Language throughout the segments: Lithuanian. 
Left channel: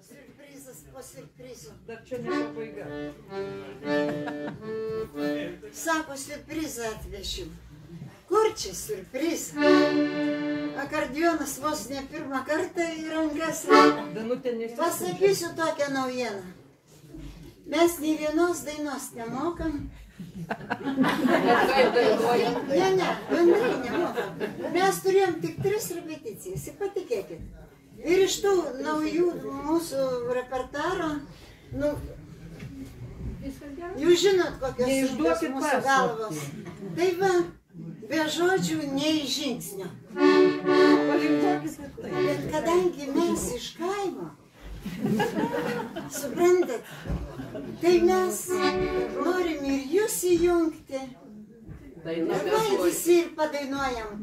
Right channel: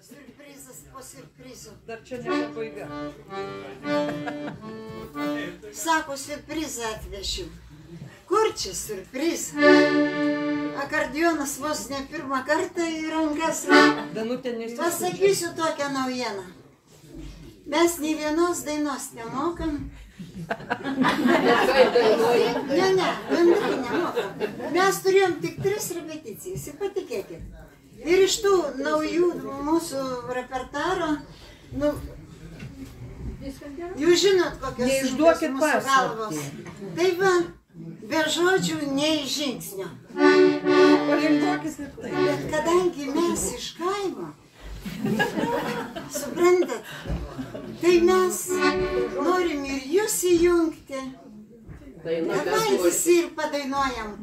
Siurprizas po siurprizų. Dar čia ne pabaiga. Sako, siurprizą atvešiu. Kur čia siurprizą? Akordeonas vos ne pirmą kartą į rankas. Pasakysiu tokią naujieną. Mes nei vienos dainos nemokam. Ne, bendrai nemokam. Mes turėjom tik 3 repeticijas, ir patikėkit. Ir iš tų naujų mūsų repertaro, jūs žinot, kokios sunkios mūsų galvos. Tai va, be žodžių, nei žingsnio. Bet kadangi mes iš kaimo, suprantat, tai mes norim ir jūs įjungti. Dabar visi ir padainuojam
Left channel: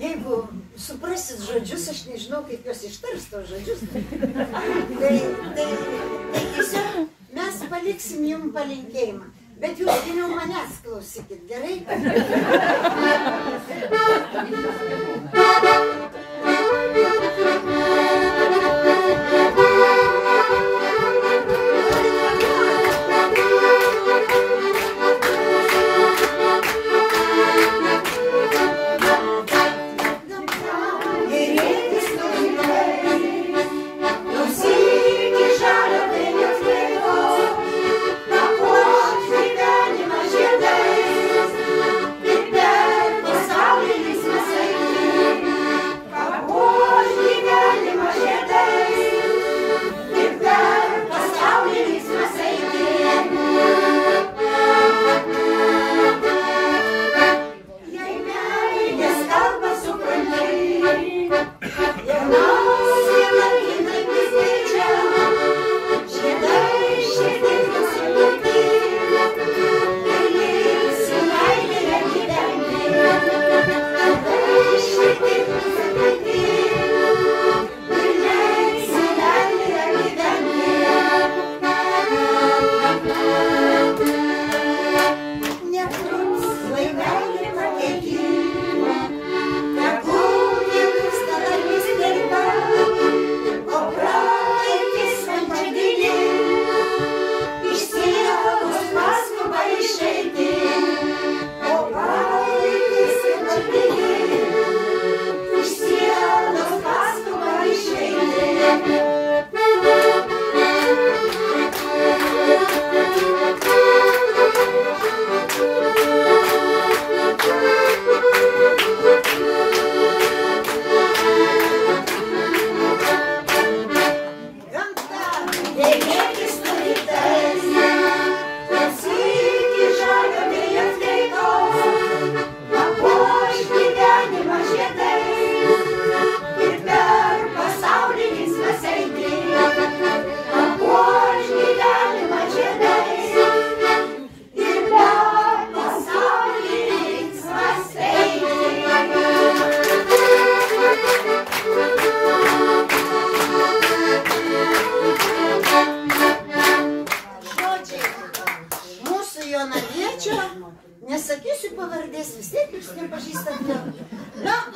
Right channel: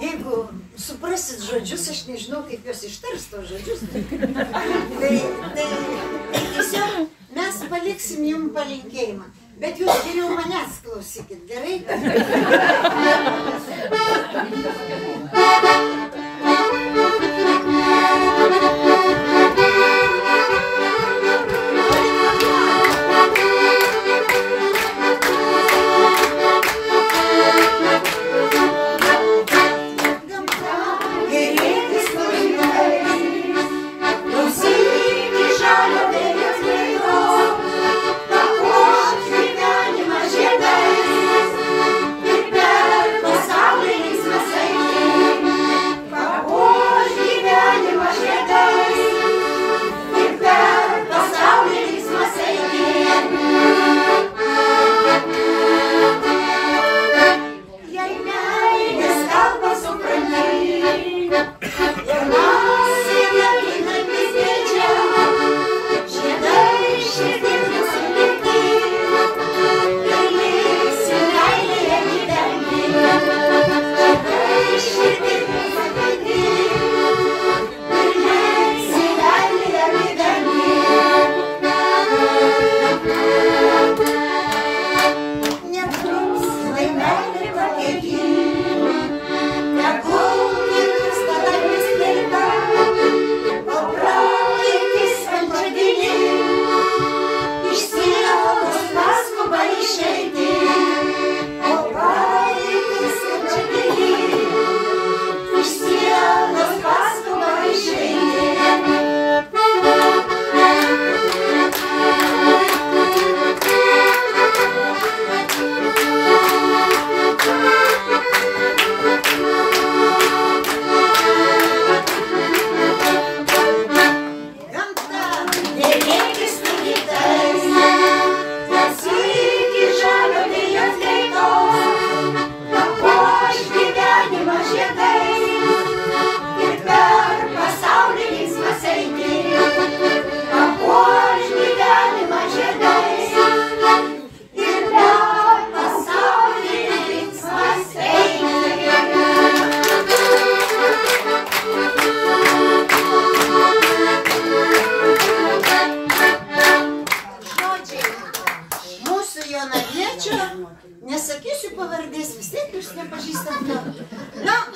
Jeigu suprasit žodžius, aš nežinau, kaip jos ištars tos žodžius. Tai tiesiog mes paliksim jums palinkėjimą. Bet jūs geriau manęs klausykit, gerai? Pasaulio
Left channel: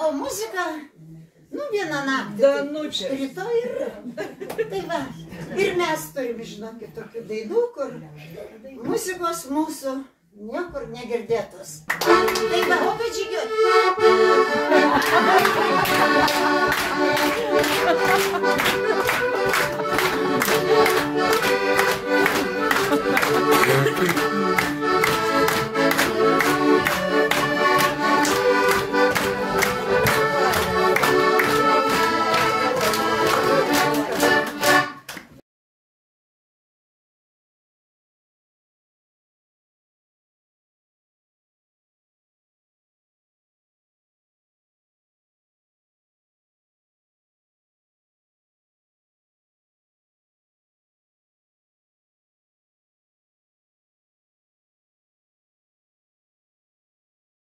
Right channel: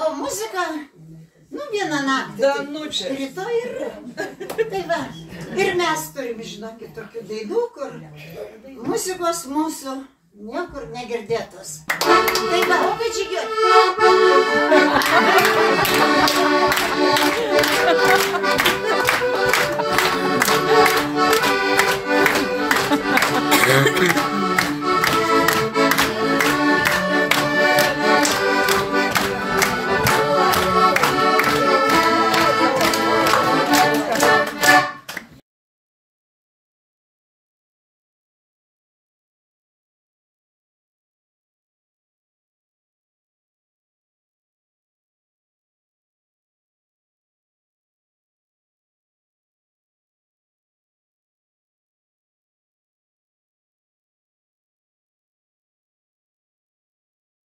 O muzika, nu vieną naktį. Danučė. Rytoj ir... Tai va, ir mes turim, žinokit, tokių dainų, kur muzikos mūsų niekur negirdėtos. Tai va, o kad žygiuot.